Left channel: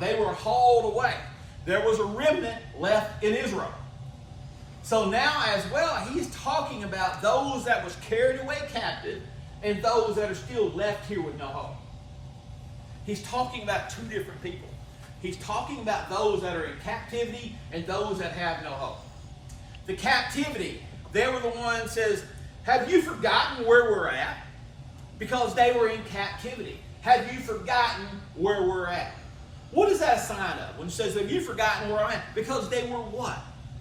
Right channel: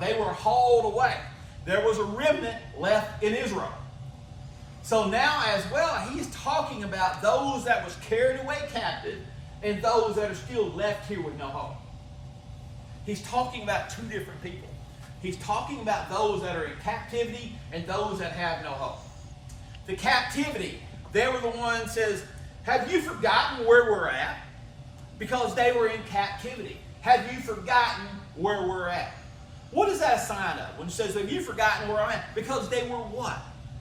They were hauled away. There was a remnant left in Israel. So now as well, he's talking about those that was carried away captive and those that are still left here with no home. He's talking about two different people. He's talking about those that are in captivity and those that have no hope. The captivity, they were the one that says, have you forgotten where we're at? Because they were in captivity. Have you forgotten where we're at? What is that sign of? When it says, have you forgotten where I'm at? Because they were what?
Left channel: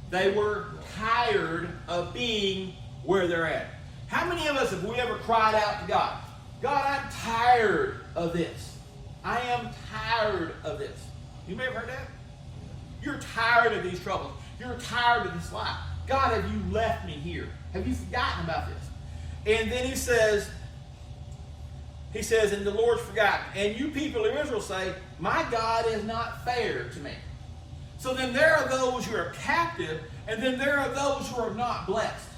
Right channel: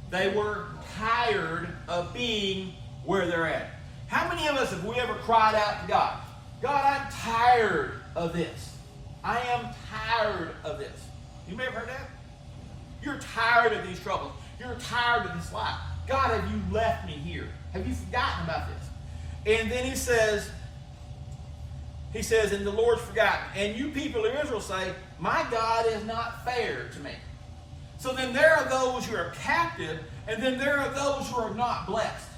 They were tired of being where they're at. How many of us have we ever cried out to God? God, I'm tired of this. I am tired of this. You may have heard that? You're tired of these troubles. You're tired of this life. God, have you left me here? Have you forgotten about this? And then he says, and the Lord's forgotten. And you people of Israel say, my God is not fair to me. So then there are those who are captive, and then there are those who are not blessed.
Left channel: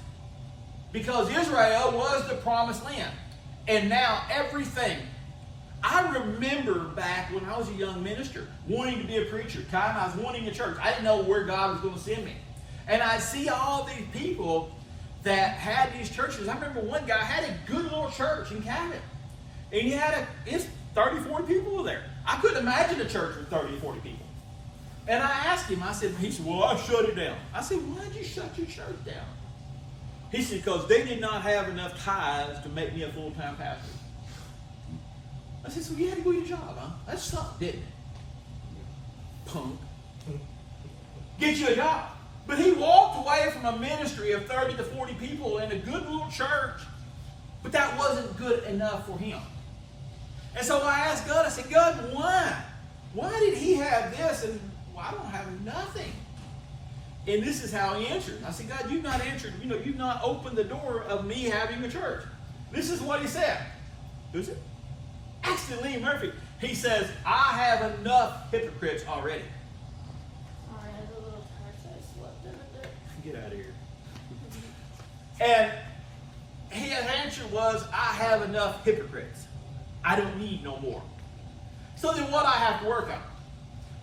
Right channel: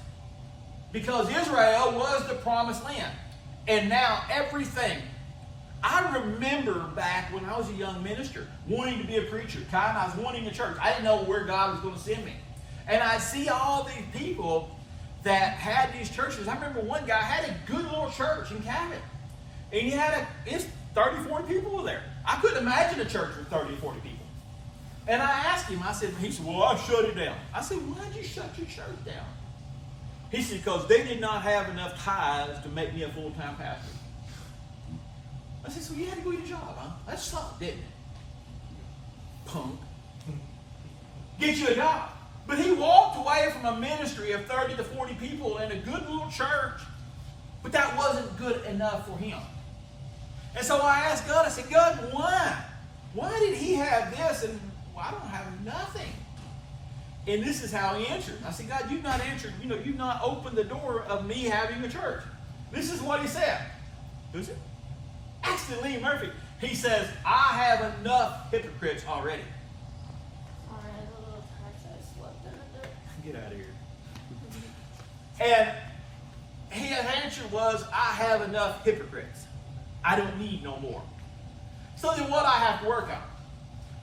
Because Israel was the promised land. And now everything. I remember back when I was a young minister, wanting to be a preacher. I was wanting a church. I didn't know where God was going to send me. And I see all these people that had these churches. I remember one guy had a good little church in Canada. And he had it's 30, 40 people there. I couldn't imagine a church with 30 or 40 people. And I asked him, he said, well, I'll shut it down. I said, why'd you shut your church down? He said, because they did not have enough tithes to make me a full-time pastor. I said, so you had to do your job, huh? That's something, didn't it? Punk. Get you a job. But he walked away from a ministry of 30 to 40 people in a good little church. But that wasn't good enough for him. And so I asked God, I said, God, why? Why did he have this and I don't have nothing? And this is how he answered. I said, God, you've not answered, you've not opened the door of me having a church. This is what he said. Who's it? Actually, Lee Murphy. He says, I have enough hypocrites already. Get out of here. And his answer was, I have enough hypocrites. I don't need no more. So then what I have to work out?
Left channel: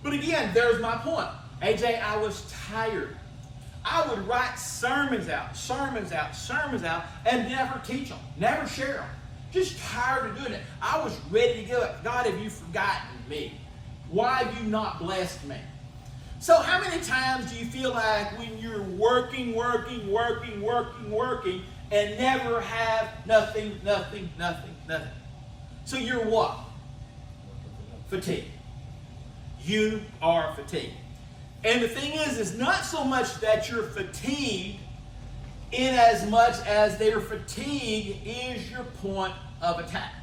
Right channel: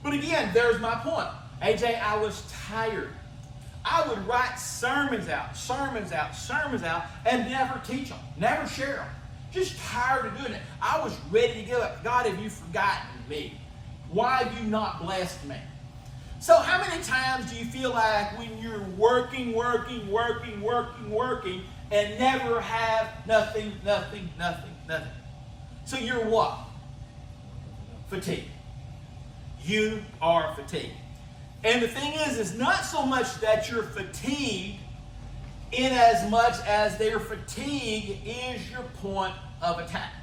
But again, there's my point. AJ, I was tired. I would write sermons out, and never teach them, never share them. Just tired of doing it. I was ready to give up. God, have you forgotten me? Why have you not blessed me? So how many times do you feel like when you're working, and never have nothing? So you're what? Fatigued. You are fatigued. And the thing is not so much that you're fatigued in as much as their fatigue is your point of attack.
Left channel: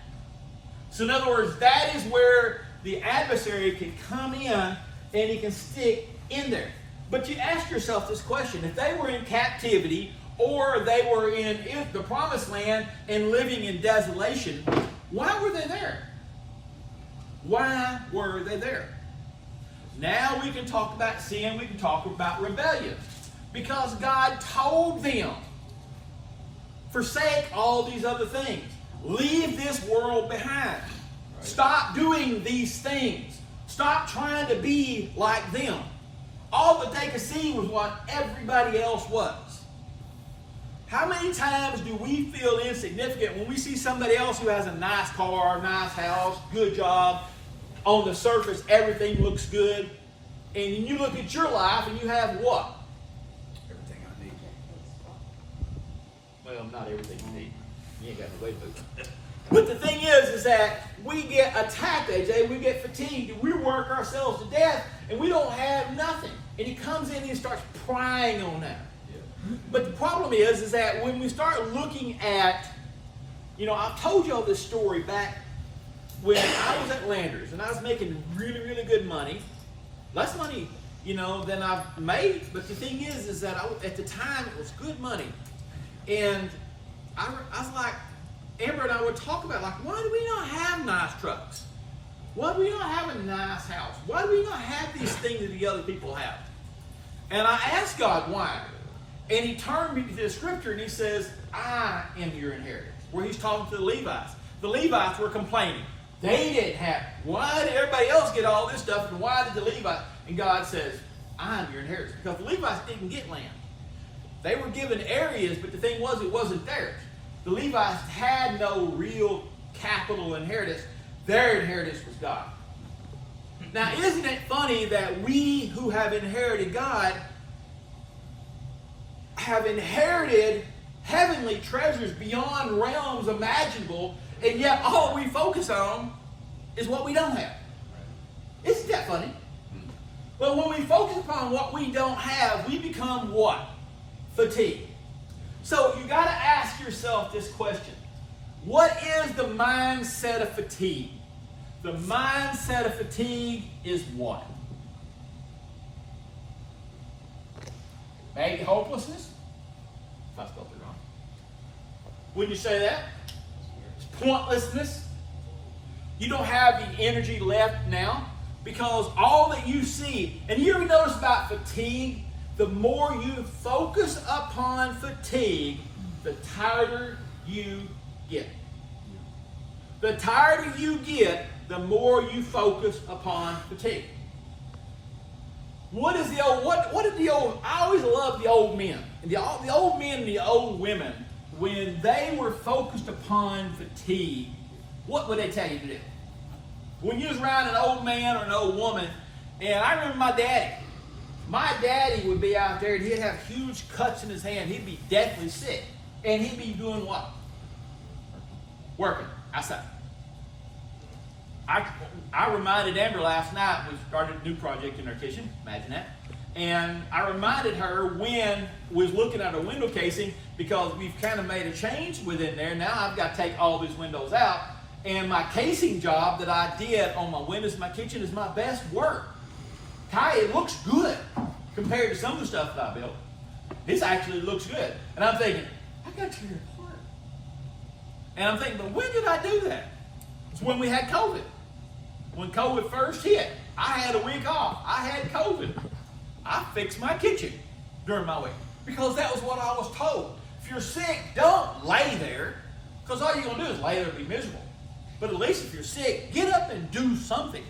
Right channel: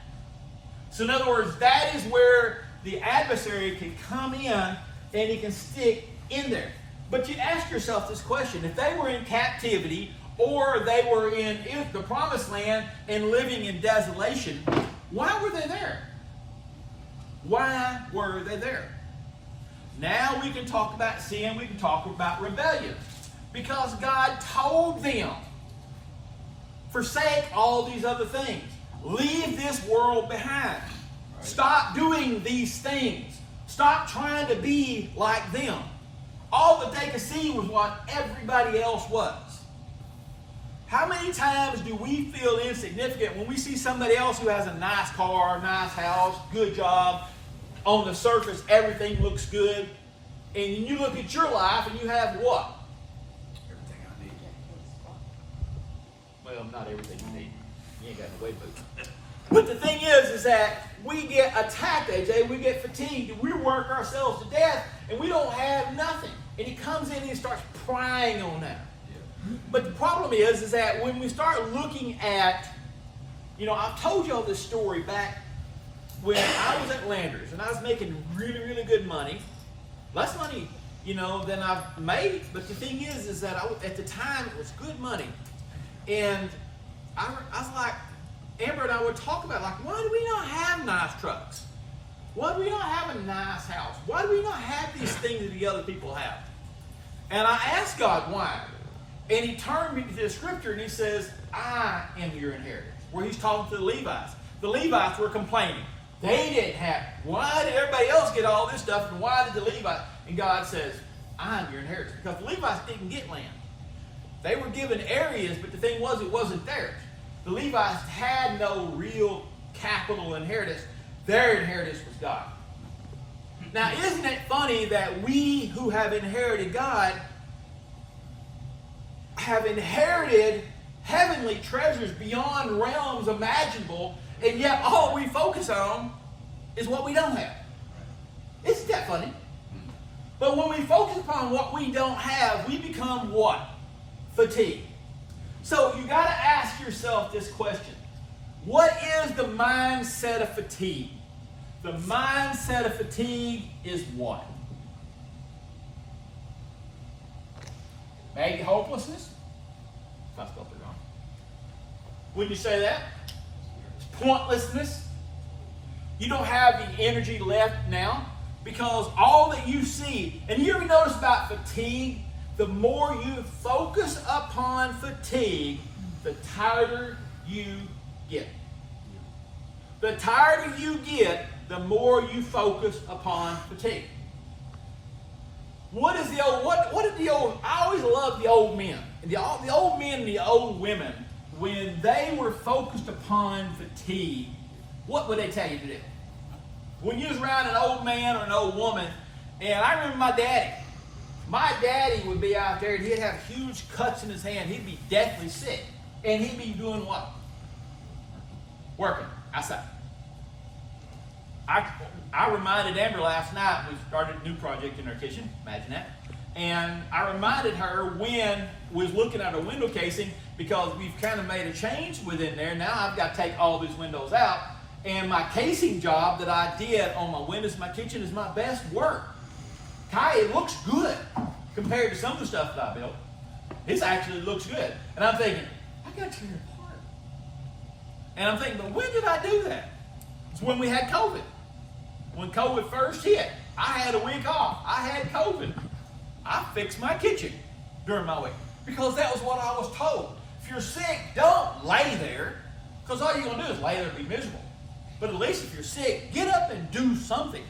So in other words, that is where the adversary can come in and he can stick in there. But you ask yourself this question: if they were in captivity or they were in the promised land and living in desolation, why were they there? Why were they there? Now we can talk about sin, we can talk about rebellion. Because God told them, forsake all these other things. Leave this world behind. Stop doing these things. Stop trying to be like them. All that they could see was what everybody else was. How many times do we feel insignificant when we see somebody else who has a nice car, nice house, good job? On the surface, everything looks good. And you look at your life and you have what? Everything I need. Well, not everything I need. You ain't got no way to do it. But the thing is that we get attacked that day, we get fatigued, and we work ourselves to death, and we don't have nothing. And he comes in and starts prying on that. Yeah. But the problem is that when we start looking at, I told y'all this story back when I was at Landers, and I was making really, really good money. Less money, than I've made. But the thing is that at the time, it was good money. And I was like, Amber and I would talk about, why do we not have nice trucks? Why do we not have a nice house? Why do we not have these things that the other people have? And I asked God why. And he turned me to the scripture and he says, I am your inheritance. Where he's talking to the Levites. The Levites were complaining. They didn't have. Why did everybody else get all this stuff, and why did the Levites? And God says, I'm your inheritance. Because the Levites didn't get land. They were given areas, but the thing was, it wasn't theirs. The Levites had no real capital inheritance. Their inheritance was God. Now, isn't it funny that we who have inherited God have inherited heavenly treasures beyond realms imaginable, and yet all we focus on is what we don't have? Isn't that funny? But when we focus on what we don't have, we become what? Fatigued. So you got to ask yourself this question. What is the mindset of fatigue? The mindset of fatigue is what? Maybe hopelessness? Wouldn't you say that? Pointlessness. You don't have the energy left now because all that you see, and you ever notice about fatigue, the more you focus upon fatigue, the tighter you get. The tighter you get, the more you focus upon fatigue. What is the old, what did the old, I always love the old men. The old men and the old women, when they were focused upon fatigue, what would they tell you to do? When you was around an old man or an old woman, and I remember my daddy. My daddy would be out there and he'd have huge cuts in his hand. He'd be deathly sick. And he'd be doing what? Working outside. I reminded Amber last night, we started a new project in our kitchen, imagine that. And I reminded her when we was looking at our window casing, because we've kind of made a change within there. Now I've got to take all these windows out. And my casing job that I did on my windows in my kitchen is my best work. Ty, it looks good compared to some of the stuff that I built. This actually looks good. And I'm thinking, I got to record. And I'm thinking, well, when did I do that? It's when we had COVID. When COVID first hit, I had a week off. I had COVID. I fixed my kitchen during my week because that was what I was told. If you're sick, don't lay there, because all you're going to do is lay there and be miserable. But at least if you're sick, get up and do something.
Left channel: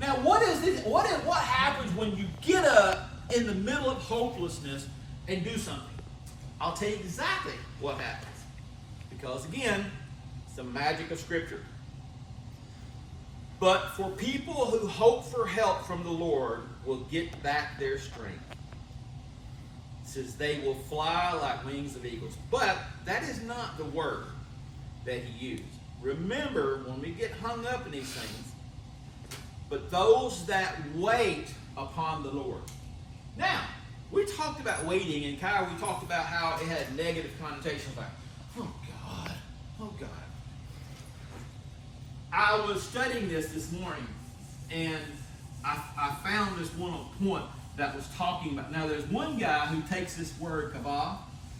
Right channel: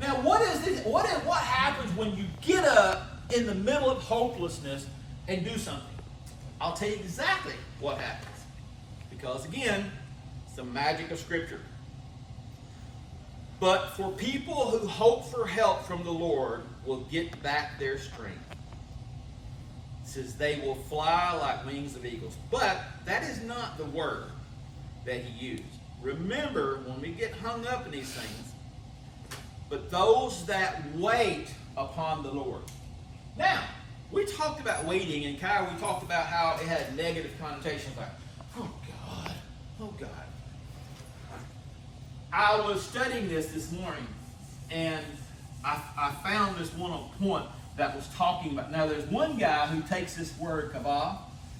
Now, what happens when you get up in the middle of hopelessness and do something? I'll tell you exactly what happens. Because again, it's the magic of Scripture. But for people who hope for help from the Lord will get back their strength. It says they will fly like wings of eagles. But that is not the word that he used. Remember, when we get hung up in these things, but those that wait upon the Lord. Now, we talked about waiting, and Kyle, we talked about how it had negative connotations like, oh God. I was studying this morning, and I found this one point that was talking about, now there's one guy who takes this word kavah,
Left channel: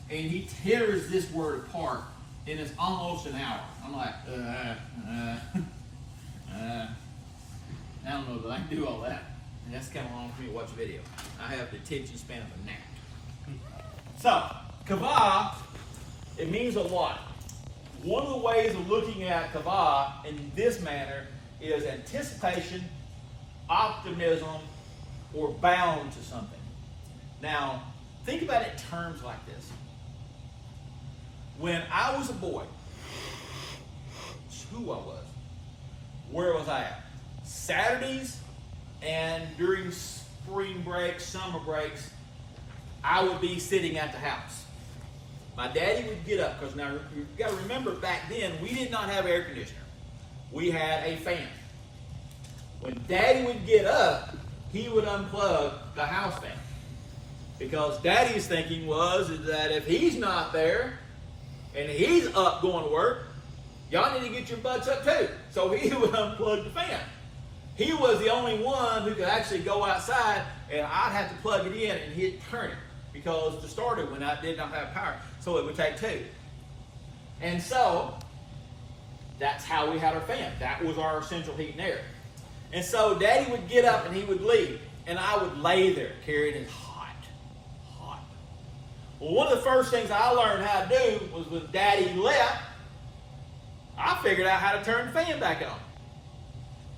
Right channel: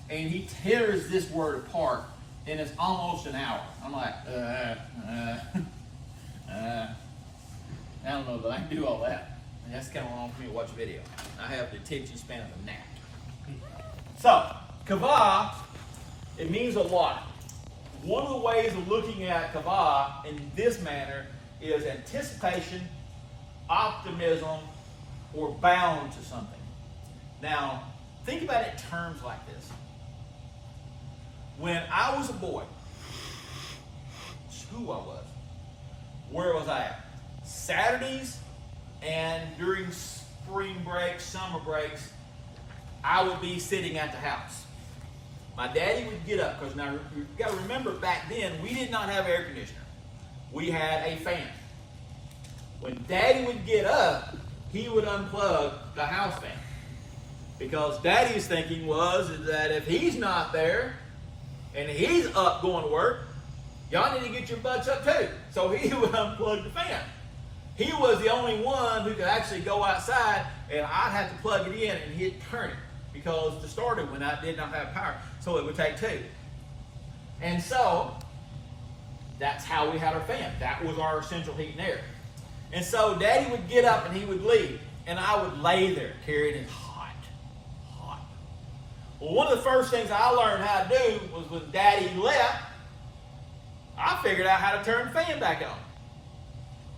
and he tears this word apart, and it's almost an hour. I'm like, I don't know that I can do all that. And that's kind of long for me to watch a video. I have the attention span of a gnat. So, kavah, it means a lot. One of the ways of looking at kavah in this manner is anticipation, optimism, or bound to something. Now, think about it in terms like this. When I was a boy, who I was, where was I at? Saturdays and during spring breaks, summer breaks, I would be sitting at the house. My daddy would get up, because now you've got to remember back then, we did not have air conditioner. We had a fan. When Daddy would get up, he would unplug the house fan. Because Daddy's thinking was that if he's not there, and he's up going to work, y'all need to get your butts up too. So he would unplug the fan. He was the only one who could actually go outside, and I'd have to plug it in and he'd turn it. Because to start it when I did not have power. So it would take two. And so, that's how we had our fan. That was our central heat and air. And so Daddy would get up and he would leave. And I would lay there, carried in hot. Well, one of the first things I learned how to do was when Daddy left, I figured out how to turn the fan back on.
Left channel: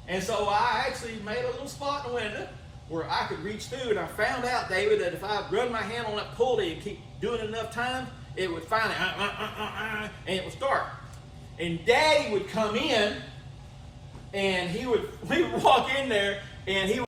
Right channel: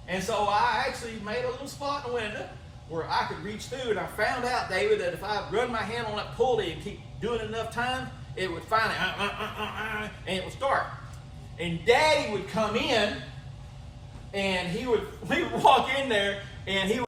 And so I actually made a little spot in the window where I could reach through, and I found out, David, that if I run my hand on that pulley and keep doing it enough times, it would finally, and it would start. And Dad would come in, and we would walk in there, and he would